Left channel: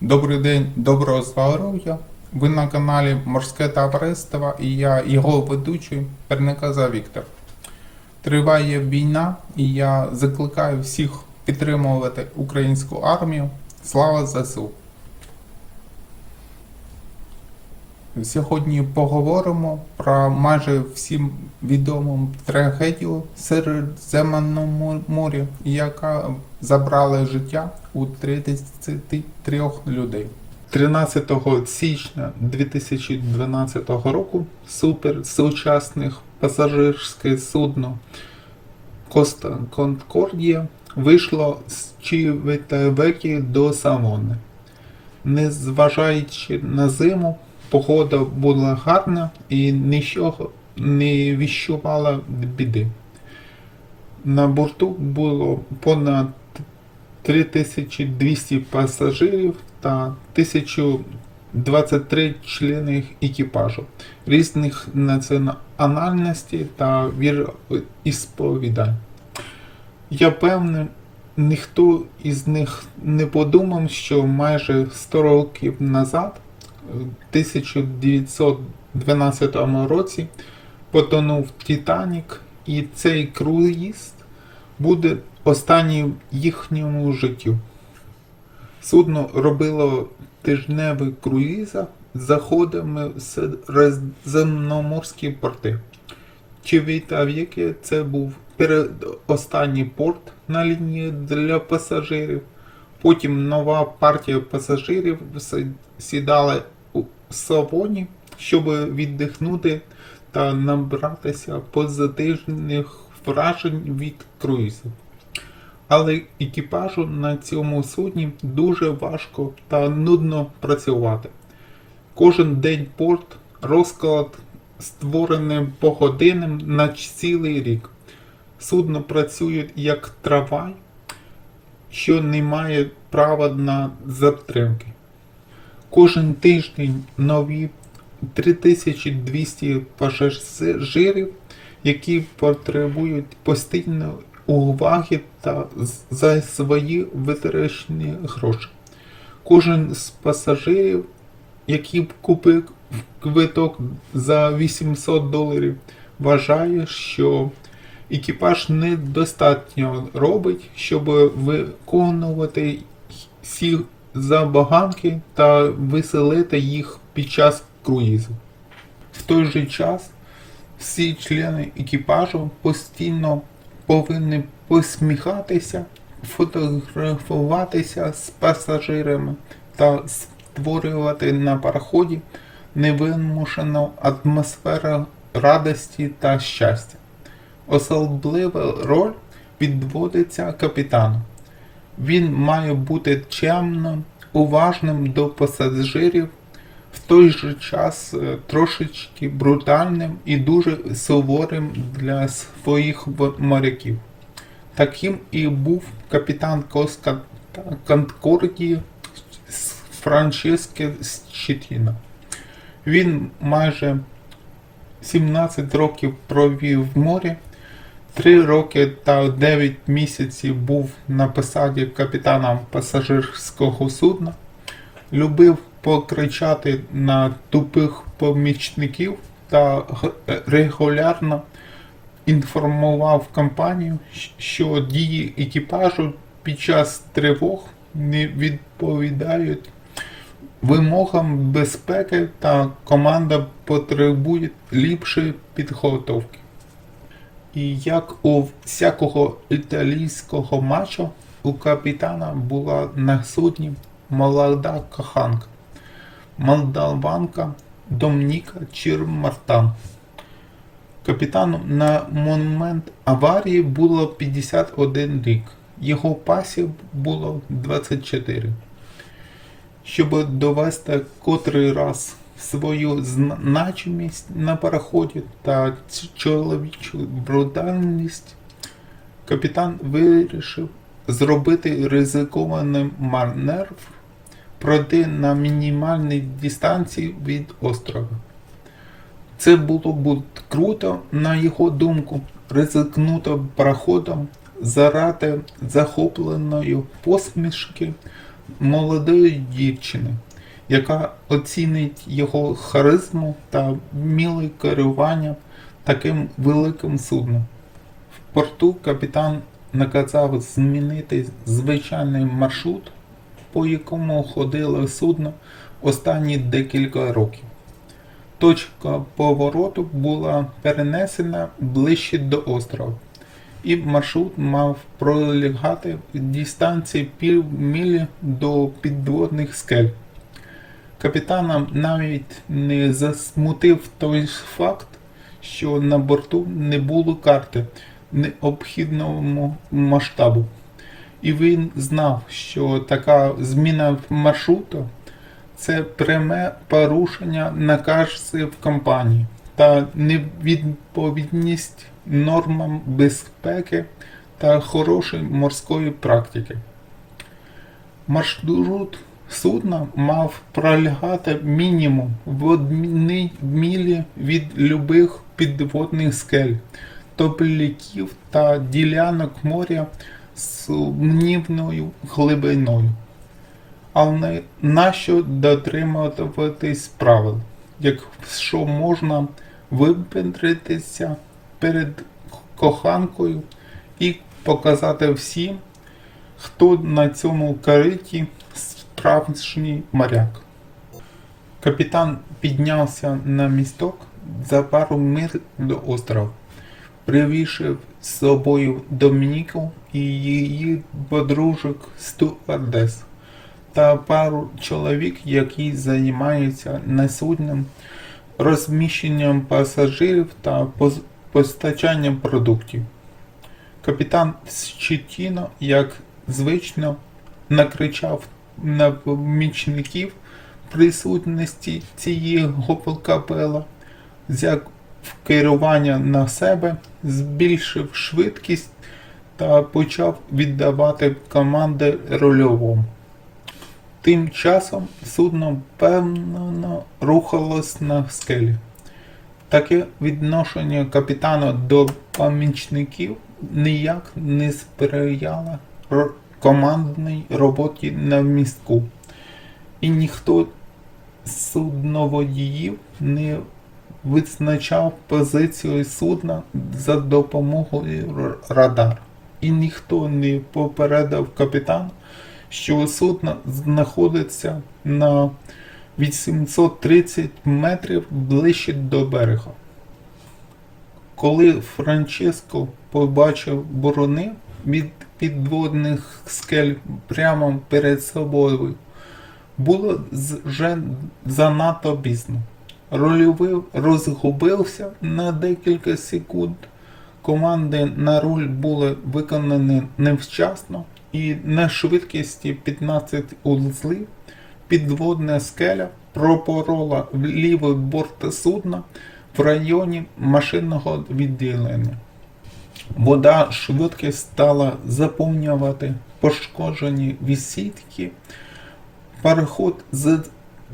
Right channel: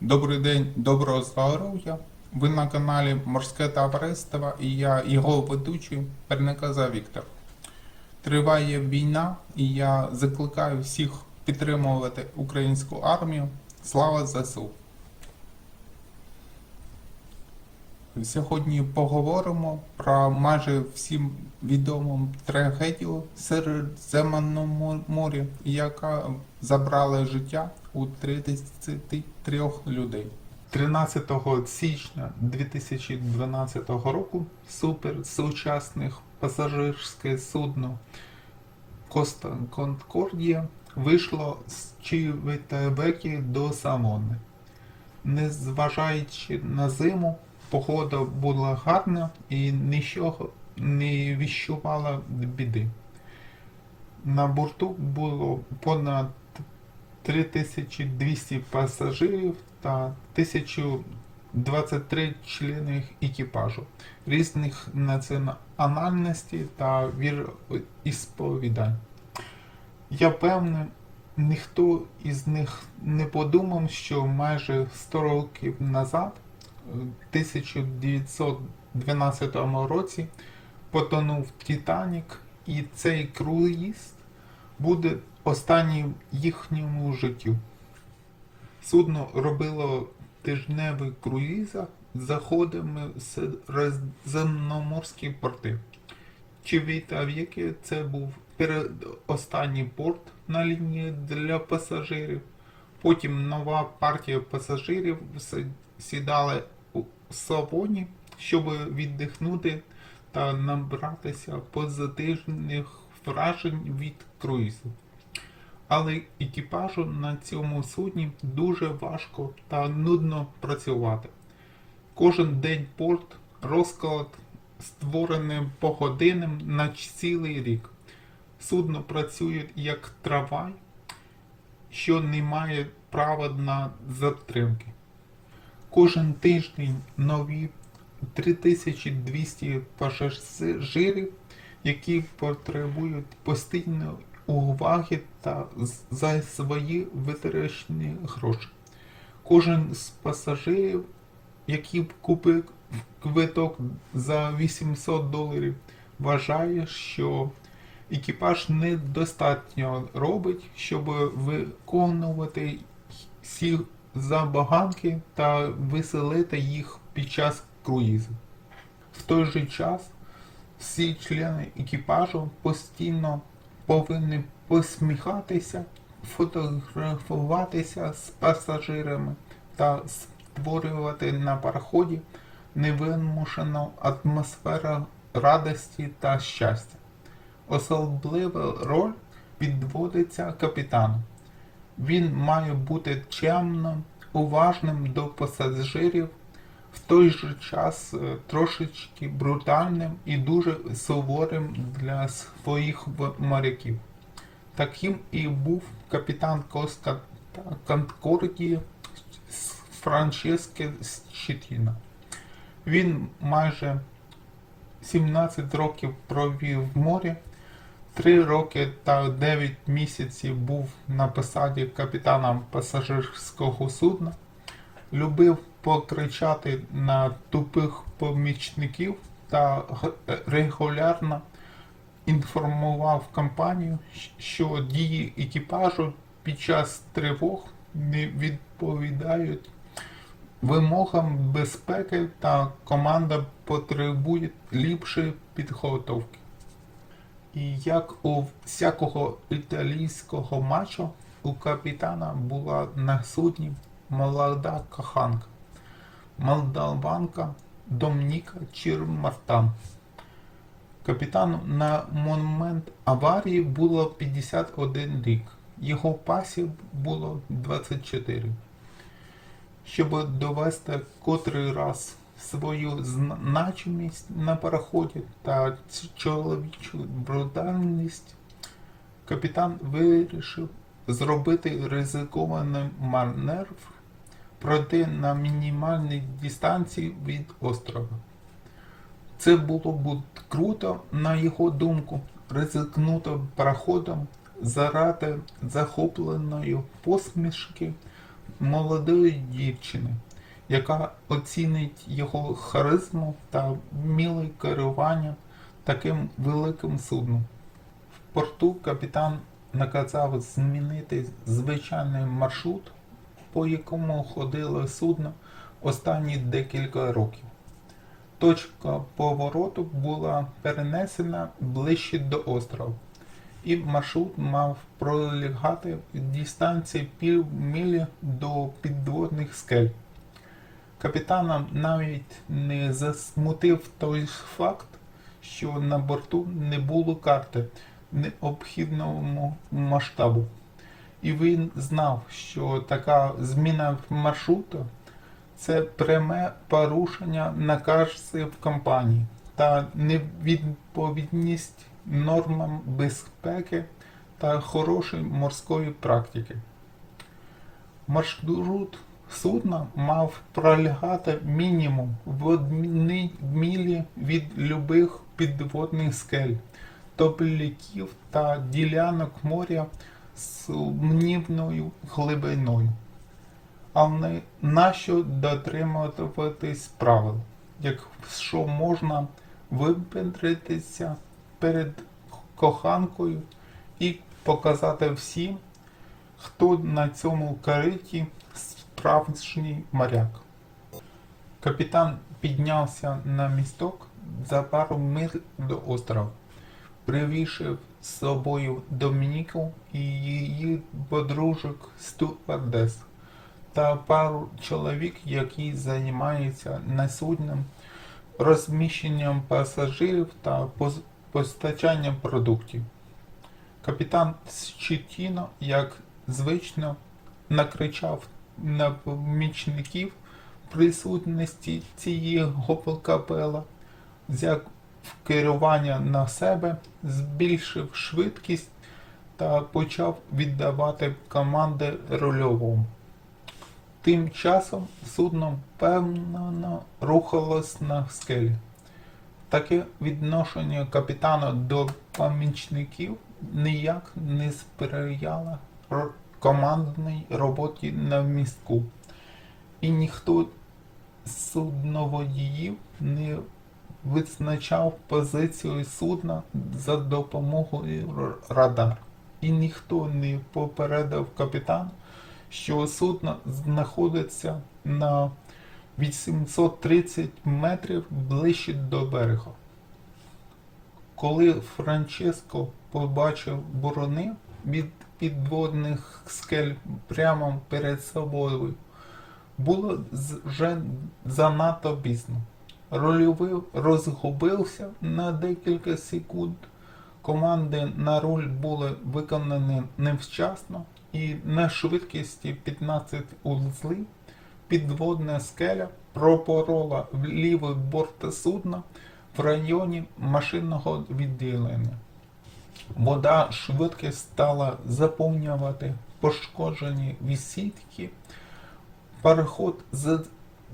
Добрий день, доброго здоров'я. Ви на каналі Морське Товариство і я його ведучий Перниказа Віктор. Триває війна, і я закликаю всіх підтримувати українську армію. Слава ЗСУ! Сьогодні поговоримо про майже всім відому трагедію Середземному морі, яка забрала життя у 33 людей. 13 січня 2012 року суперсучасних пасажирське судно Коста Конкордія вийшло з Чівітавекі до Самони. Незважаючи на зиму, погода була гарна і нічого не віщувала біди. На борту було понад 3200 пасажирів та 1023 члени екіпажу різних національностей та віросповідань. Я певний, ніхто із них не подумав, що майже 100 років назад, 1912 році, потонув Титанік, і цей круїз буде останнім їхньому життю. Судно робило тижневий круїза з заходами в середземноморські порти. Чивітав'яке це був передостанній порт на лінії для пасажирів. Потім нова партія пасажирів сідала у Савоні, щоб віддихнути та набратися позитивних вражень від круїзу. Але екіпажу на цьому судні дуже важко та нудно працювати. Кожен день порт розклад створений погодинним на цілий рік. Судно працює як трамвай, що не має права на затримки. Кожен тиждень нові 3200 пасажирів, які потребують постійної уваги та за свої витрачені гроші. Кожен з пасажирів, який купив квиток за 800 доларів, вважає, що екіпаж недостатньо робить, щоб виконувати всі забаганки та веселити їх під час круїзу. В той же час всі члени екіпажу постійно повинні посміхатися, фотографуватися з пасажирами та створювати на пароході невимушену атмосферу радості та щастя. Особлива роль відводиться капітану. Він має бути чемним, уважним до пасажирів, в той же час е, трошечки брутальним і дуже суворим для своїх моряків. Таким і був капітан Коска Конкордії Франческе Щетіна. Він майже 17 років провів в морі, 3 роки та 9 місяців був на посаді капітана пасажирського судна, любив покричати на тупих помічників та регулярно інформував компанію, що дії екіпажу під час тривог не відповідають вимогам безпеки та команда потребує ліпшої підготовки. І як у всякого італійського матчу, у капітана була на судні молода коханка, молдаванка Домніка Чірмартан. Капітану на момент аварії було 51 рік, його пасі було 24 щоб довести котрий раз свою значимість на пароході та чоловічу брутальність, капітан вирішив зробити ризикований маневр, пройти на мінімальній дистанції від острова. Це було б круто, на його думку, ризикнути пароходом заради захопленої посмішки молодої дівчини, яка оцінить його харизму та вміле керування таким великим судном. В порту капітан наказав змінити звичайний маршрут, по якому ходило судно останні декілька років. Точка повороту була перенесена ближче до острова, і маршрут мав пролягати в дистанції півмілі до підводних скель. Капітана навіть не засмутив той факт, що на борту не було карти необхідного масштабу. І він знав, що така зміна маршруту це пряме порушення наказів компанії та невідповідність нормам безпеки та хорошої морської практики. Маршрут судна мав пролягати мінімум в одній мілі від любих підводних скель, топляків та ділянок моря з сумнівною глибиною. Але нащо дотримуватись правил, якщо можна випендритися перед коханкою і показати всім, хто на цьому кариті справжній моряк. Капітан піднявся на місток за пару миль до острова, привівши з собою Домініку і її подружок стюардес та пару чоловік, які займаються на розміщенням пасажирів та постачанням продуктів. Капітан Щетіно, як звично, накричав на помічників присутності цієї гополкапела, взяв керування на себе, збільшив швидкість та почав віддавати команди рульовому. Тим часом судно впевнено рухалось на скелі. Таке відношення капітана до помічників ніяк не сприяло командній роботі на містку. І ніхто з судноводіїв не визначав позицію судна за допомогою радар. І ніхто не попередив капітана, що судно знаходиться на 830 метрів ближче до берега. Коли Франческо побачив борони від підводних скель прямо перед собою, було вже занадто пізно. Рольовий розгубився на декілька секунд. Команди на руль були виконані невчасно, і на швидкості 15 узли підводна скеля пропорола в лівий борт судна в районі машинного відділення. Вода швидко стала заповнювати пошкоджені вісітки. Пароход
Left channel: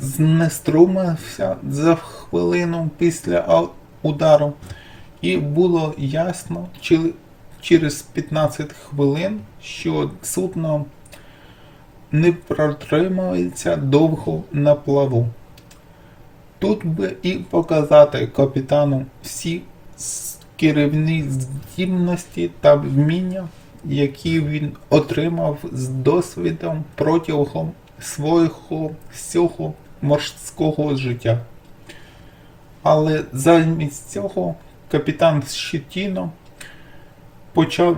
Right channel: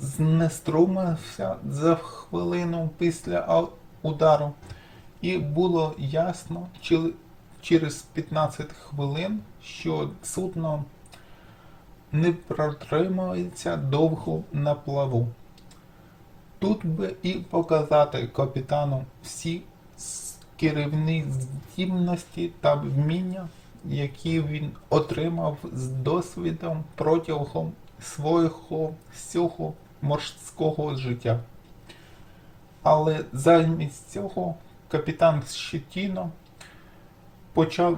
знеструмився за хвилину після удару, і було ясно через 15 хвилин, що судно не протримається довго на плаву. Тут би і показати капітану всі керівні здібності та вміння, які він отримав з досвідом протягом свого всього морського життя. Але замість цього капітан Щетіно почав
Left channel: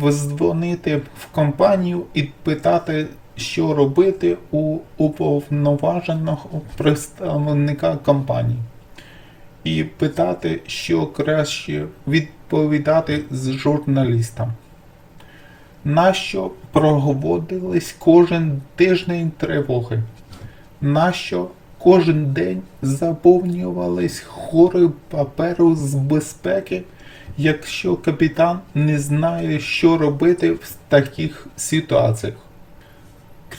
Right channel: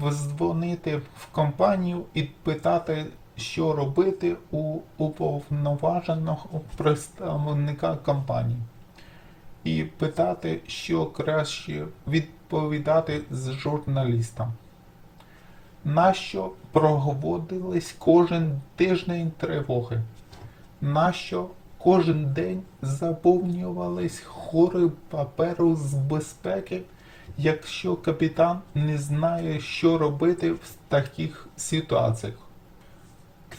дзвонити в компанію і питати, що робити у уповноваженого представника компанії. І питати, що краще відповідати з журналістам. Нащо проводились кожен тиждень тривоги? Нащо кожен день заповнювались хори паперу з безпеки, якщо капітан не знає, що робити в таких ситуаціях?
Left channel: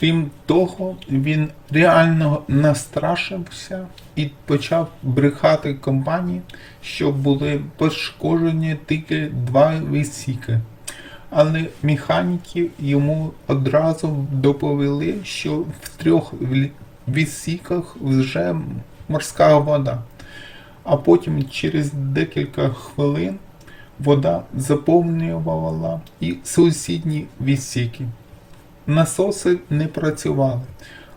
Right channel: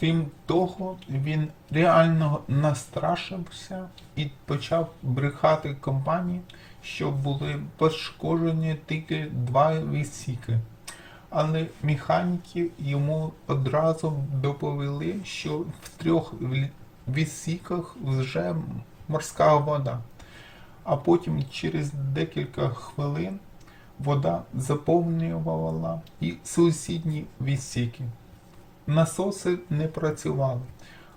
Крім того, він реально настрашився і почав брехати компанії, що були пошкоджені тільки два відсіки. Але механіки йому одразу доповіли, що в трьох відсіках вже морська вода. А потім через декілька хвилин вода заповнювала і сусідні відсіки. Насоси не працювали.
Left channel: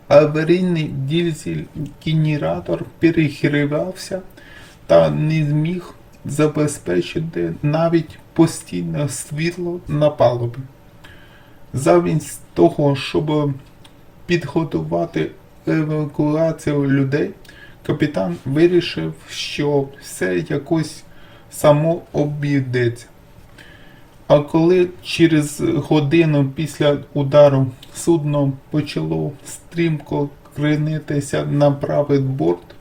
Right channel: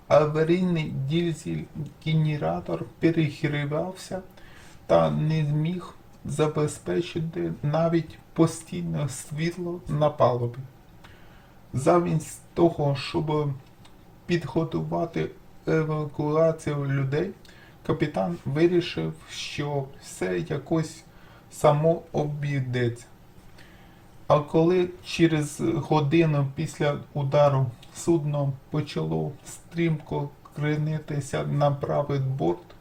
Аварійний дізель-генератор перегрівався та не зміг забезпечити навіть постійне світло на палубі. Замість того, щоб підготувати евакуацію людей, капітан вирішив, що все якось само обійдеться. А коли через годину після удару судно почало стрімко кренитися на правий борт,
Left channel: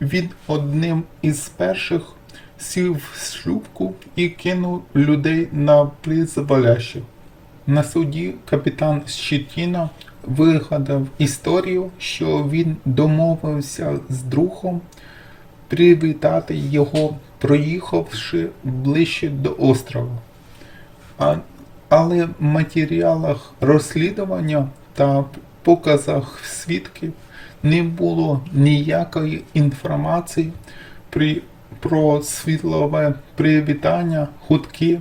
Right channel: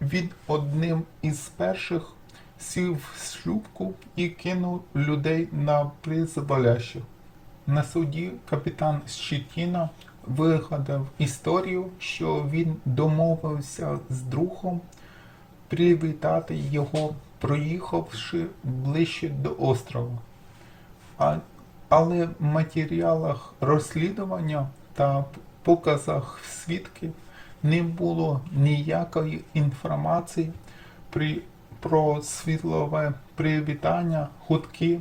він одним із перших сів в шлюпку і кинув людей на призволяще. На суді капітан Щетіна вигадав історію, що він домовився з другом привітати його, проїхавши ближче до острова. Але в матеріалах розслідування та показах свідків не було ніякої інформації при, про світлове привітання, хутки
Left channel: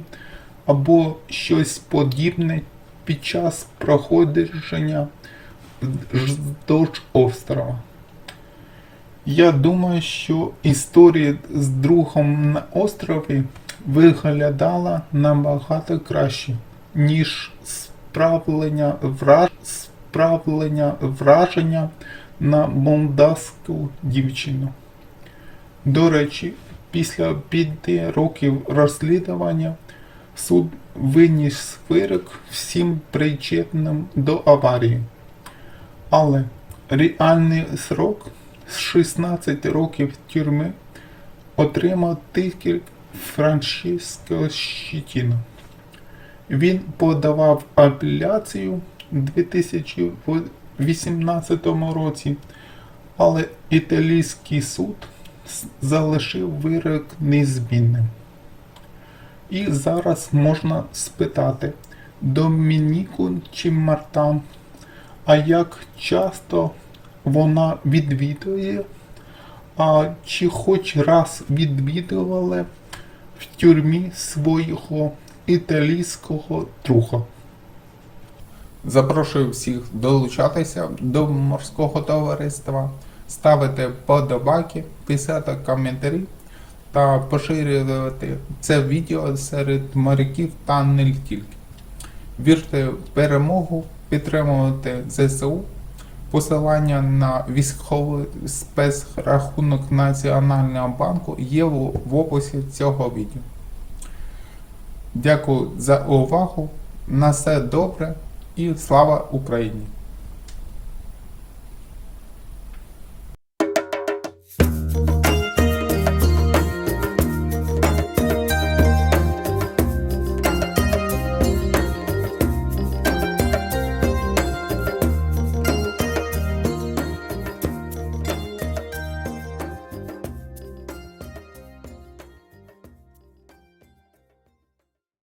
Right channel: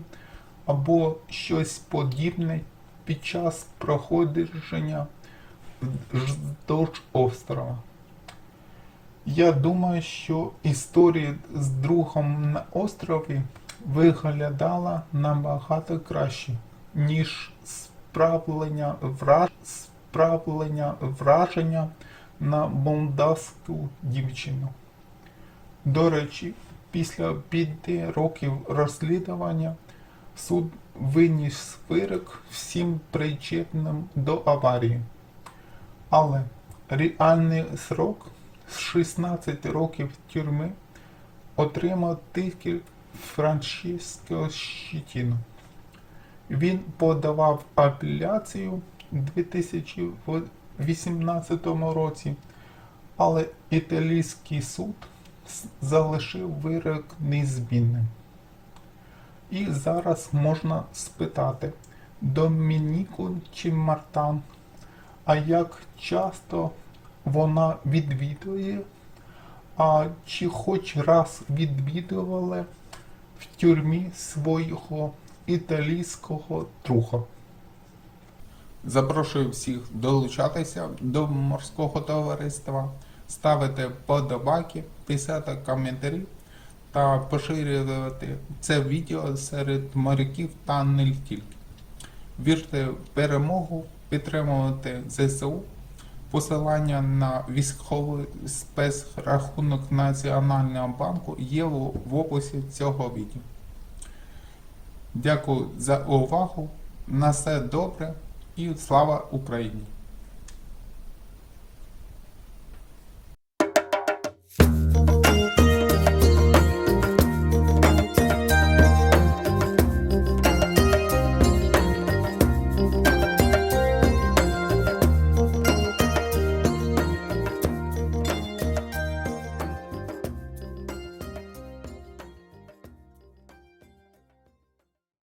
або щось подібне під час проходження вздовж острова. Я думаю, що історія з другом на острові виглядала набагато краще, ніж справлення, враж... справлення враження на молдавську дівчину. До речі, після п'яти років розслідування суд виніс вирок всім причетним до аварії. Але реальний срок з 16 років тюрми отримав тільки Франческо Щетіно. Він подавав апеляцію у 2018 році, але італійський суд залишив вирок незмінним. І зараз можна спитати Домініку чи Мартан, а як часто вона відвідує, а чи хоч раз відвідували в тюрмі свого італійського друга. Запрошую всіх долучатися до морського товариства, ставити подобаки, писати коментарі та поширювати це відео серед моряків та не тільки. Вірте в перемогу, підтримувати ЗСУ. Посилання на військовий спецрахунок Національного банку є в описі цього відео. Дякую за увагу. На все добре і слава Україні!